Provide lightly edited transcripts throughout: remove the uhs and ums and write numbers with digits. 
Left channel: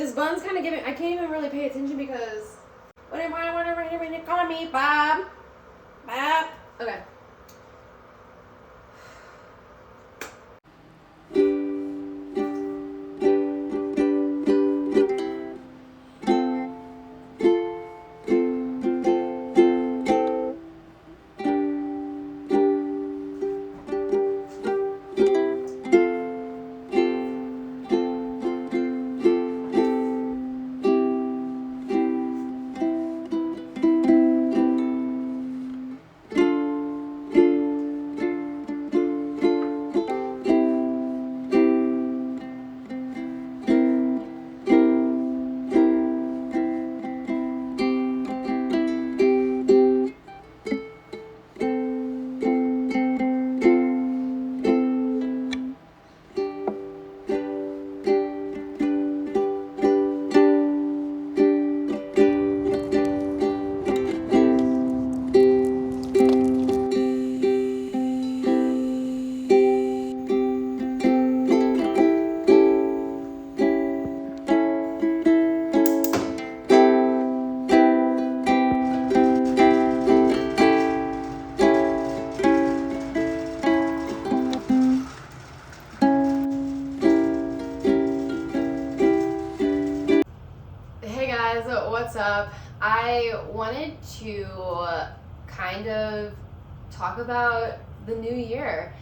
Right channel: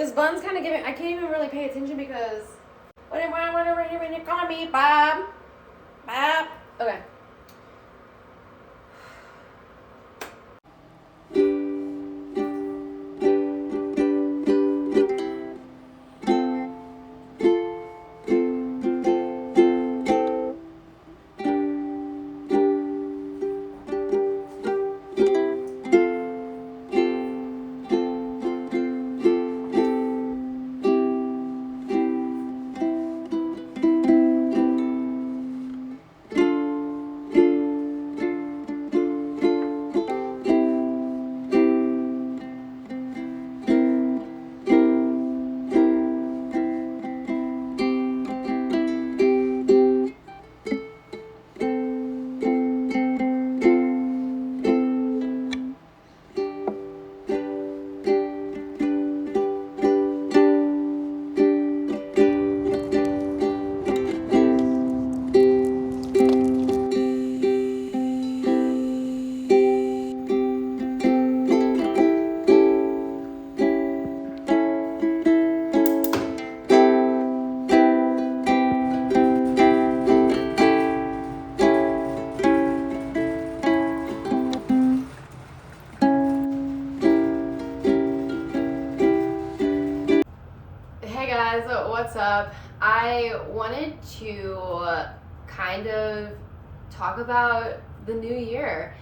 This bun's kind of giving, I can't even really pay attention because, whatever, when you call me, Bob. Bob. Okay. Hey guys, what's up? I wanted to kind of talk about the new year.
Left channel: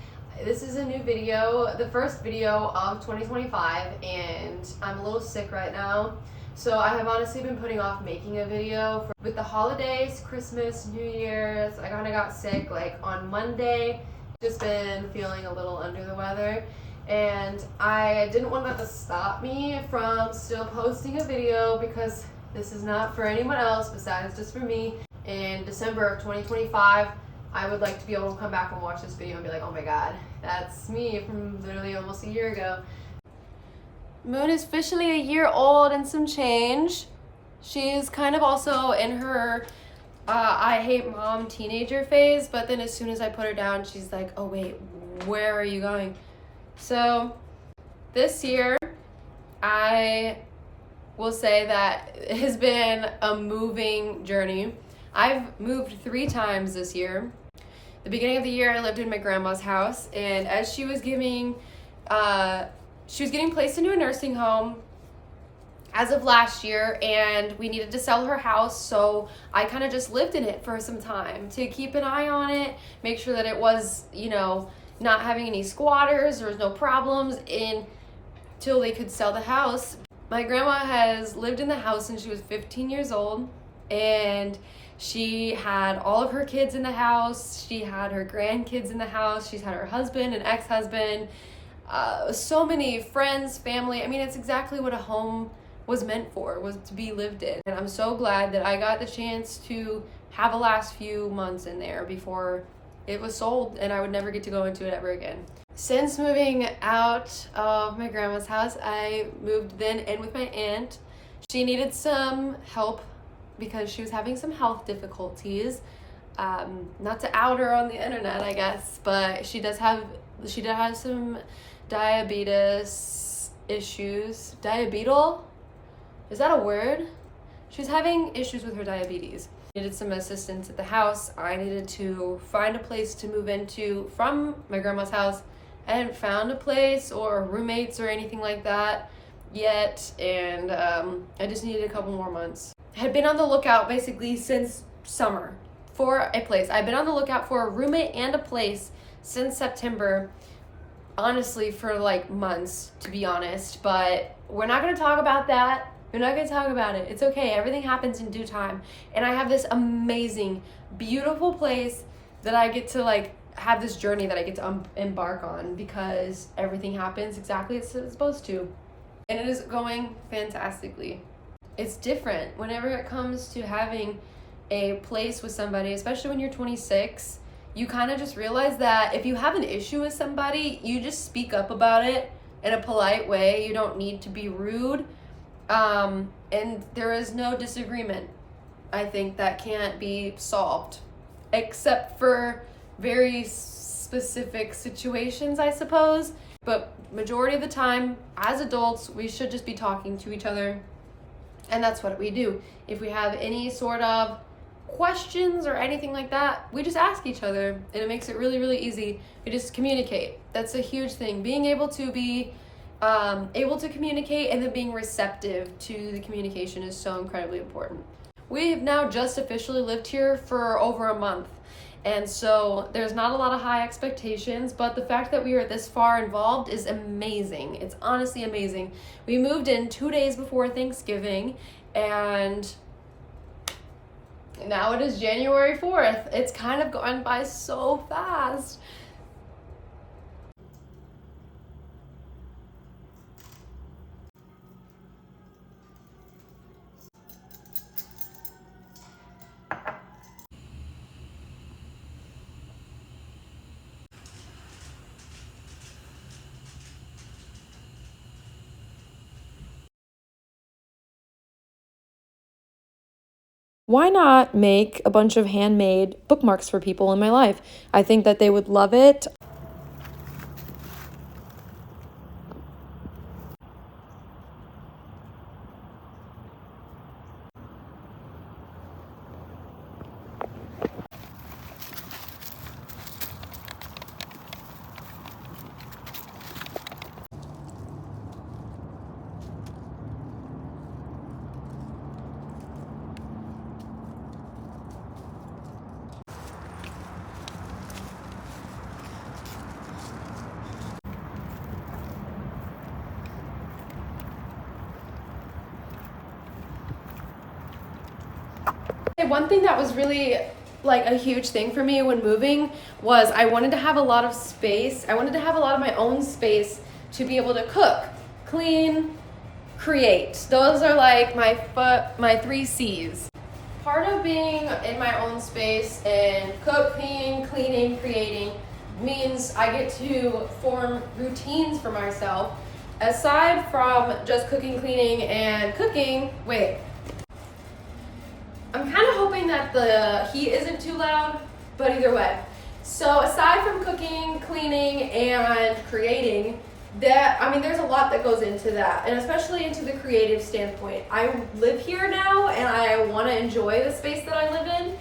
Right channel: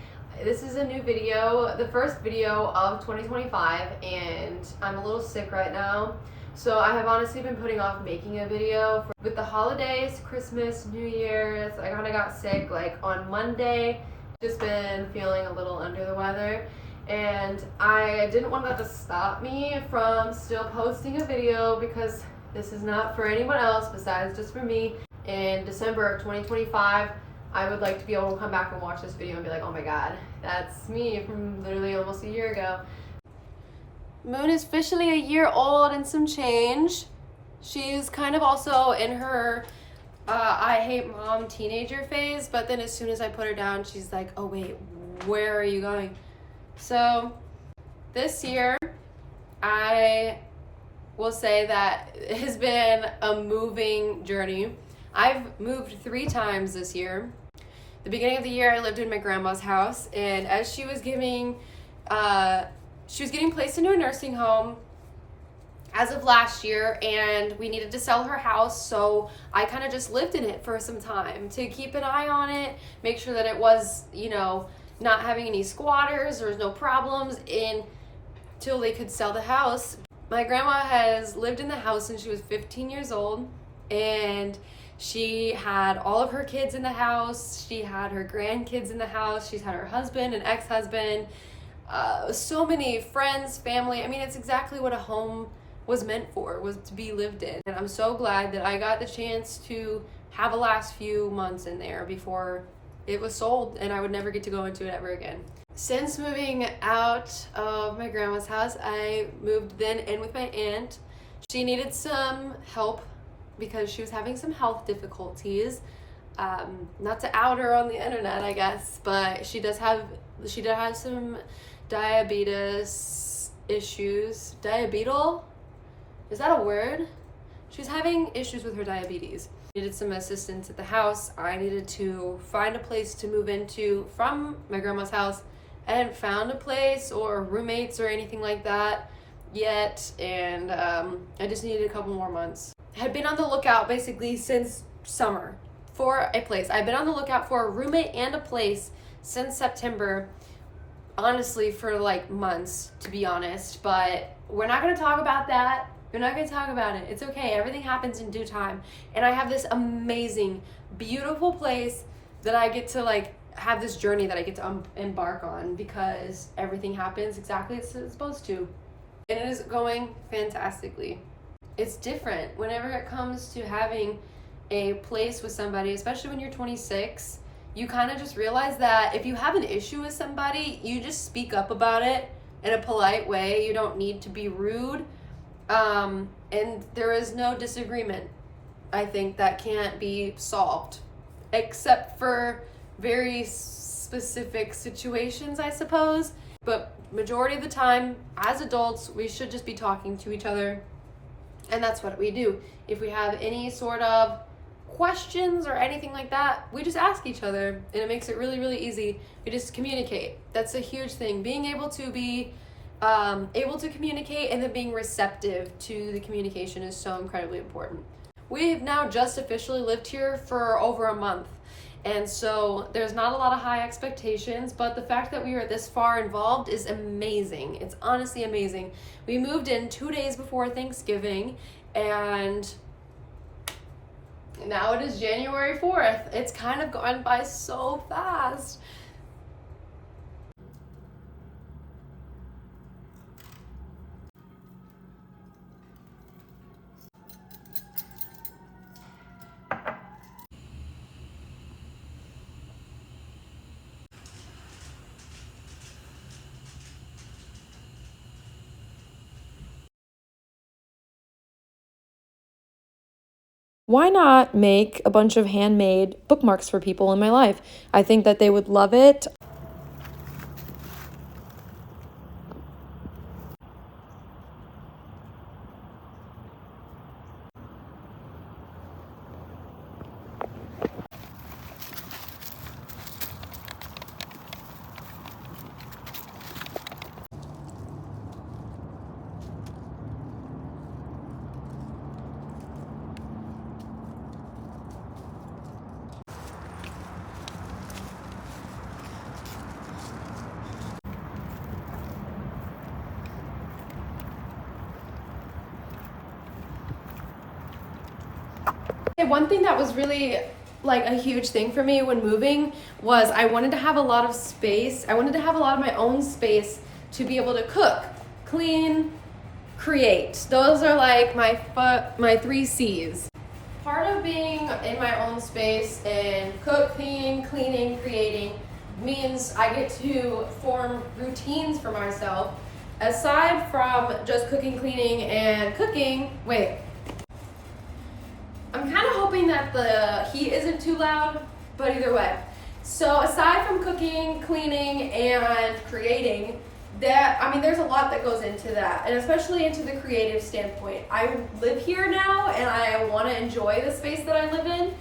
This is a new video, the first video of 2025, and I'm a little sick right now. So I have honestly been putting off making a video with the holidays, Christmas, New Year's. I kind of got sick like on Monday. Just been feeling a little under the weather. And I didn't want that to stop me from still posting a video because this is not for anyone else besides just for me. In December of 2025, I would like to be able to come back and watch this video and be like, oh my god, that's me from literally almost a year ago. Moon is officially a year old and some change. She's kind of also in her I hate mom teenager phase, but then as soon as I put her down, she's like, oh wait, where are you going? So this year, I will say that it has been a moving journey. I've moved 3 times this year. The beginning of the year, I lived in my grandma's house, and as she was getting placed into a nursing home as of last year, and we needed to sell her house, so I kind of just lived in it for some time to keep an eye on it, make sure that it was, not having any squatters, there was no problems until they could sell the house. My grandma has lived in the house since she was 15 years old, and she had all of her kids in the house, she had her grandkids in the house, she's had her husband and ex-husband, so many friends, family. I mean, it's exactly what a home was meant for, was to be lived in. And I'm so glad that I got the chance to have the last few months in there before it was sold and I would never get to go into it ever again. Since moving out of my grandma's house, I moved then in with my aunt. She needed some help because she was having some health difficulties. Not to out her on the internet, I guess, but she does have some diabetes issues. Diabetal? Is that a word? She's having issues with her diabetes. Needed some assistance at the house. I needed to find a place to move into from my grandma's house. I hadn't found a place or roommates or anything like that yet, and I just needed a couple more months. I had been on the lookout basically since summer for a place. I've been on the lookout for a roommate and a place since September, honestly, for like months, to be honest, but we're not going to talk about that. We're not going to talk about it. It's okay. Everything happens in due time. And I have this amazing, beautiful place that I get to have this journey that I get to embark on because everything happens exactly as it's supposed to. And it is going fantastically. It's different whenever it comes to having a place with somebody, especially when you're 26. You kind of just realize that if you have an issue with somebody, you just speak up about it in a polite way. You don't need to be rude. And there is no disagreement, I think, that can't be solved, except for very specific situations, I suppose. But majority of the time, as adults, we should just be talking to each other. And that's what we do. If we have any sort of questions or anything like that, we just ask each other, and it makes it really, really easy. We just communicate. That's a huge thing. Being able to be able to communicate and then being receptive to the communication is so incredibly important. We've now just officially lived here for over a month. And so there's not a lot of high expectations, but the fact that we are this far involved is amazing. It's honestly amazing. We moved in 2 days before Thanksgiving, and now it is January 4th. It's kind of gone by so fast. Why not make a bunch of handmade bookmarks for people in my life? I think that they would love it. One thing that was really like a huge thing for me when moving was I wanted to have a lot of space. I wanted to have a lot of my own space to be able to cook, clean, create. Those are like my 3 C's. Part of being in my own space and cooking, cleaning, creating means I get to form routines for myself. Aside from just cooking, cleaning, and cooking, I'm kind of hoping that the heat isn't too loud, but either way. So aside from cooking, cleaning, and creating, there's a lot that goes into that, and especially into the creative standpoint. I live here now, and I want to enjoy the space that I live in.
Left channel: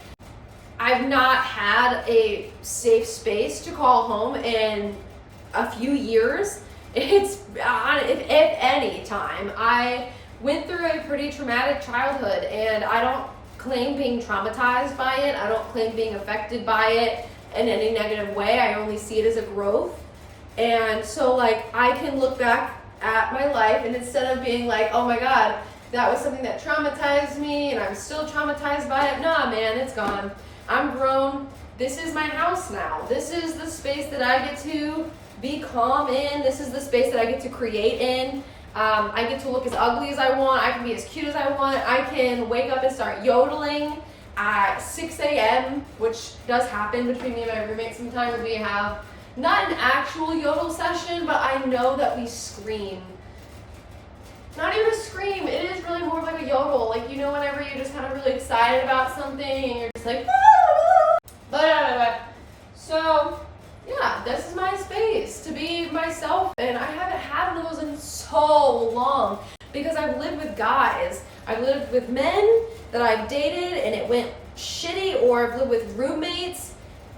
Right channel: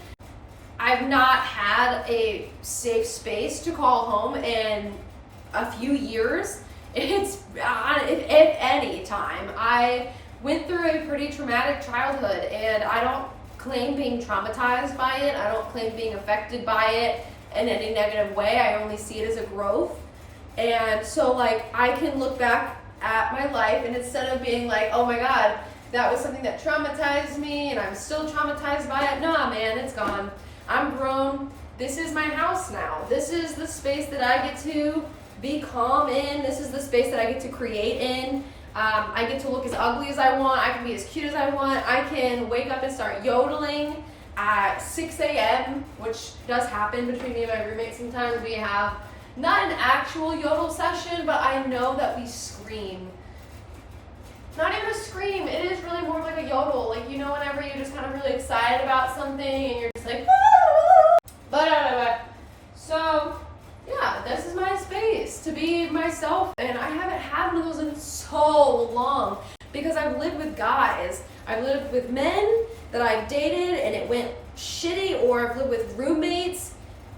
I've not had a safe space to call home in a few years. If any time. I went through a pretty traumatic childhood, and I don't claim being traumatized by it. I don't claim being affected by it in any negative way. I only see it as a growth. And so like I can look back at my life, and instead of being like, oh my God, that was something that traumatized me and I'm still traumatized by it. Nah, man, it's gone. I'm grown. This is my house now. This is the space that I get to be calm in. This is the space that I get to create in. I get to look as ugly as I want. I can be as cute as I want. I can wake up and start yodeling at 6 a.m., which does happen between me and my roommate sometimes. We have not an actual yodel session, but I know that we scream. Not even a scream. It is really more like a yodel. Like, you know, whenever you're just kind of really excited about something and you're just like, so yeah, this is my space to be myself, and I haven't had one of those in so long because I've lived with guys. I've lived with men that I've dated and it went shitty, or I've lived with roommates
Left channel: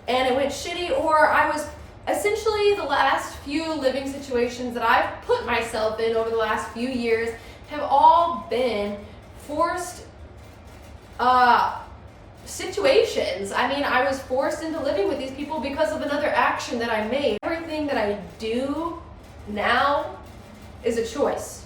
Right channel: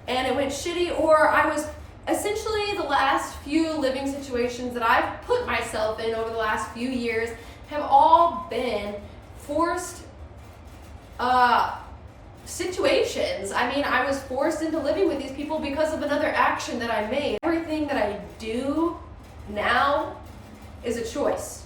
and it went shitty, or I was essentially the last few living situations that I've put myself in over the last few years have all been forced situations. I mean, I was forced into living with these people because of another action that I made. Everything that I do now is a choice.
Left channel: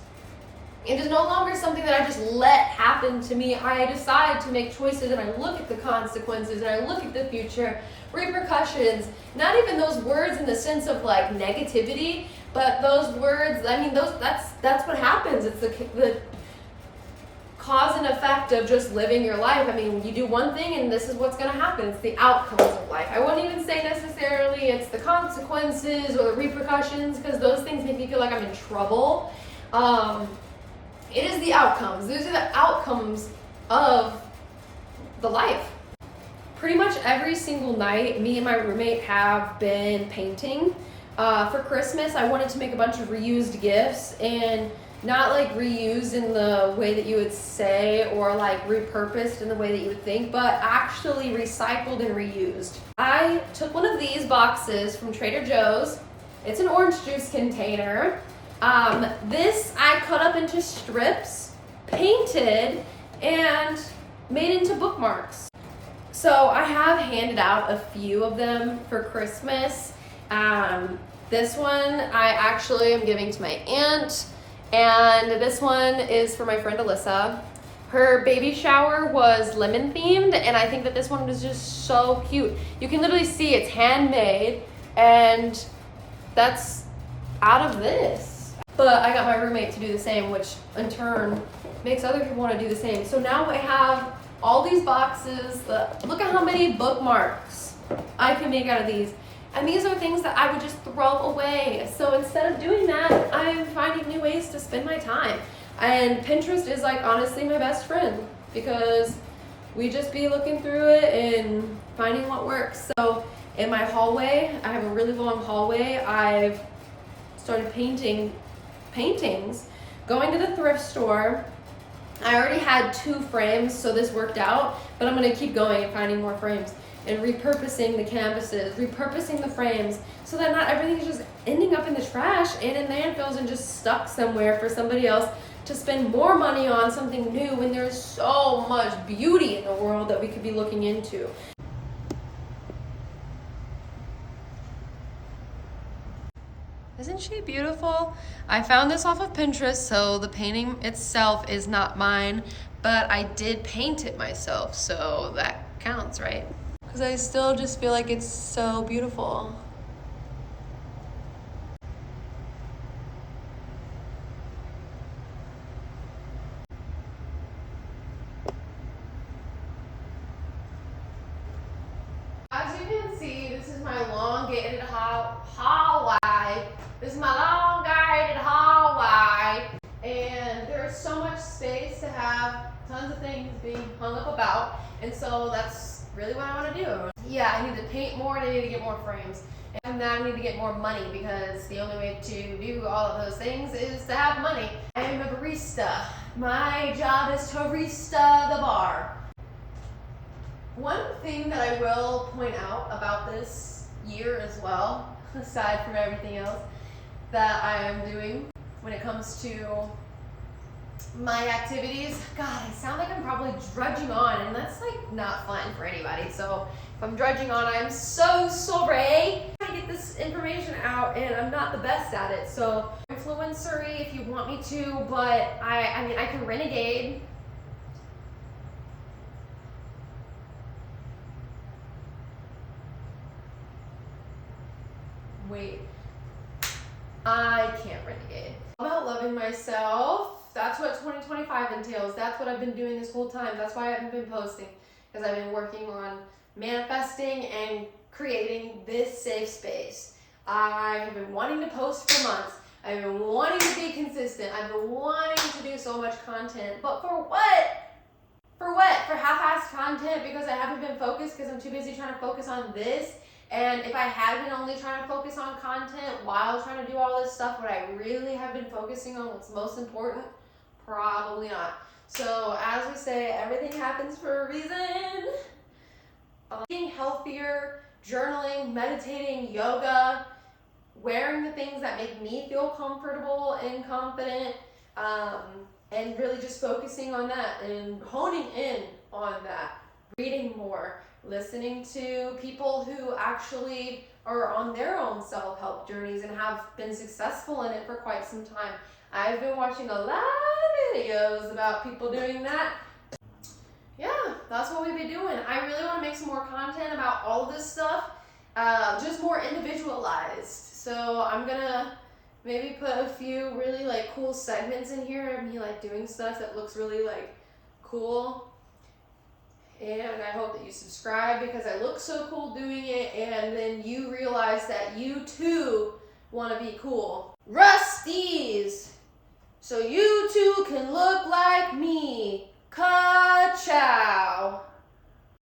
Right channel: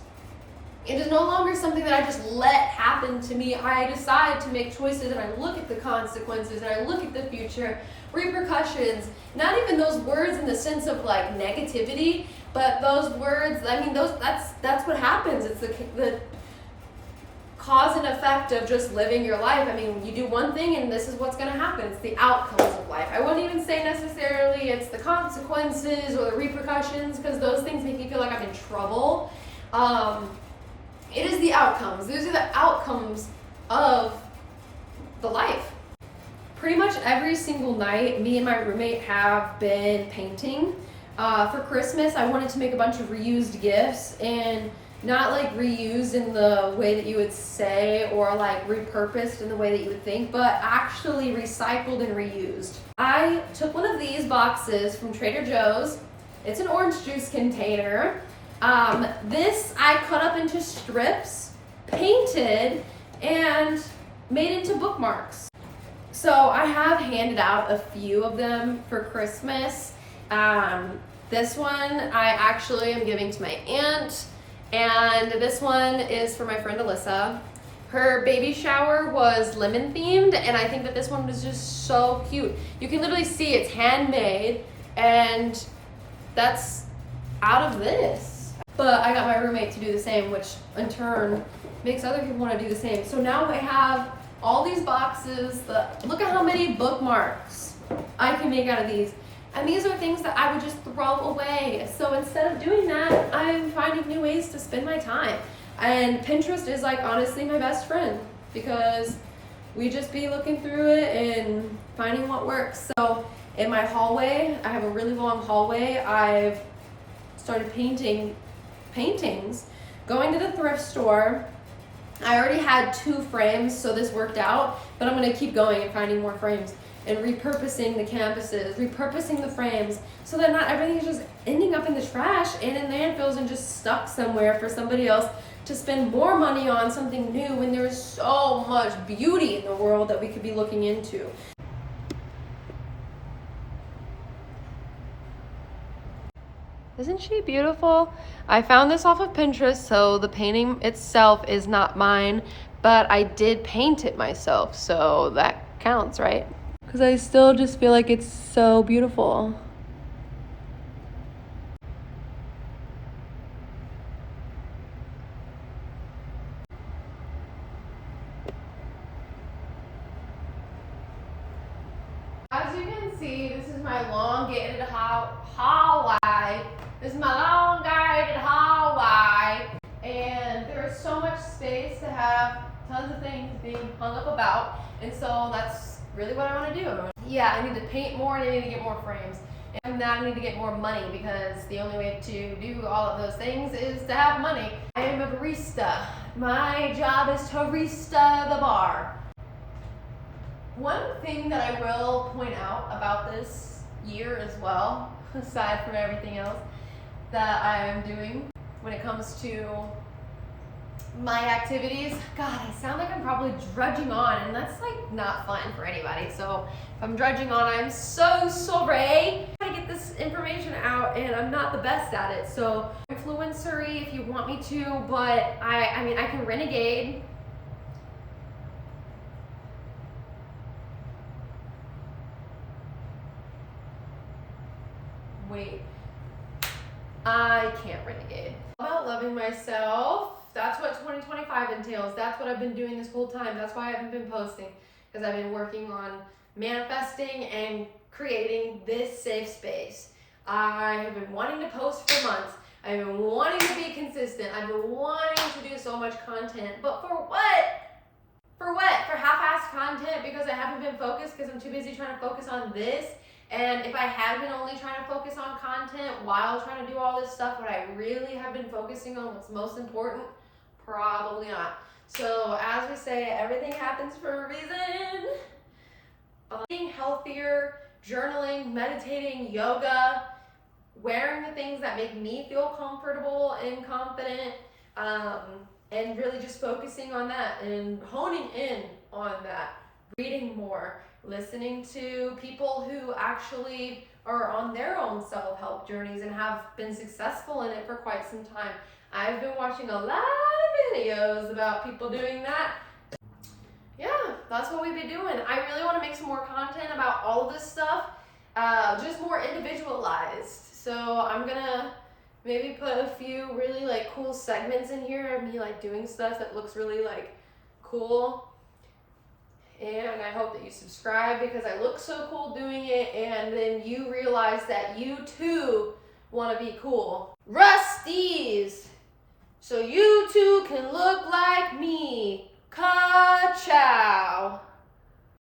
It is no longer something that I just let happen to me. I decide to make choices, and I look at the consequences, and I look at the future repercussions. Not even those words in the sense of like negativity, but those words, I mean, that's what happens. It's the cause and effect of just living your life. I mean, you do one thing and this is what's going to happen. It's the outcomes of life. I wouldn't even say necessarily it's the consequences or the repercussions, because those things make me feel like I'm in trouble. It is the outcomes. Those are the outcomes of the life. Pretty much every single night, me and my roommate have been painting. For Christmas, I wanted to make a bunch of reused gifts, and not like reused in the way that you would say, or like repurposed in the way that you would think, but actually recycled and reused. I took one of these boxes from Trader Joe's. It's an orange juice container. This I cut up into strips, painted, and made into bookmarks. So I have handed out a few of them for Christmas. This one I actually am giving to my aunt, and this one is for my friend Alyssa. Her baby shower was lemon themed, and I think that this one is just so cute. You can literally see it's handmade, and that's out of this. But I got my roommate to do the same, which in turn makes other people want to do the same. So now I have all these boxes. Look at how many bookmarks I can make out of these. And these are things that I would just throw away. So instead of doing that, I'm finding new ways to spend my time. And Pinterest is like honestly my best friend, because we just be looking through it and finding what works. So in my hallway, I have a really long hallway. I've started painting paintings, going to the thrift store. I already had 2 frames, so this worked out, but I'm gonna keep going and finding more frames and repurposing the canvases, repurposing the frames, so that not everything is just ending up in the trash and in landfills and just stuck somewhere for somebody else to spend more money on something new when there is so much beauty in the world that we could be looking into. Isn't she beautiful? I found this off of Pinterest, so the painting itself is not mine, but I did paint it myself, so that counts, right? Because I still just feel like it's so beautiful. As you can see, this is my elongated hallway. This is my elongated hallway, and there's so much space to have tons of things being hung up about, and so that's really what I want to do. Yeah, I need to paint more and I need to get more frames. And now I need to get more money, because the only way to do all of those things is to have money. I am a barista. My job is to barista the bar. One thing that I will point out about this year as well, aside from everything else that I am doing when it comes to my activities, God, I sound like I'm probably drudging on, and that's like not fun for anybody. So if I'm drudging on, I'm so sorry. I get this information out, and I'm not the best at it. So influencery if you want me to, but I mean I can renegade. Wait, I can't renegade. About loving myself. That's what 2025 entails. That's what I've been doing this whole time. That's why I haven't been posting, because I've been working on manifesting and creating this safe space. I have been wanting to post for months. I've been wanting to be consistent. I've been wanting to do so much content, but for what? For what? For half-assed content, because I haven't been focused, because I'm too busy trying to focus on this. And if I had been only trying to focus on content while trying to do all this stuff, would I really have been focusing on what's most important? Probably not. So as we say, everything happens for a reason. Being healthier, journaling, meditating, yoga, wearing the things that make me feel comfortable and confident, and really just focusing on that and honing in on that. Reading more, listening to people who actually are on their own self-help journeys and have been successful in it for quite some time. I've been watching a lot of videos about people doing that. Yeah, that's what we've been doing. I really want to make some more content about all of this stuff, just more individualized. So I'm gonna maybe put a few really like cool segments in here of me like doing stuff that looks really like cool. And I hope that you subscribe, because I look so cool doing it, and then you realize that you too want to be cool. Rusties! So you too can look like me.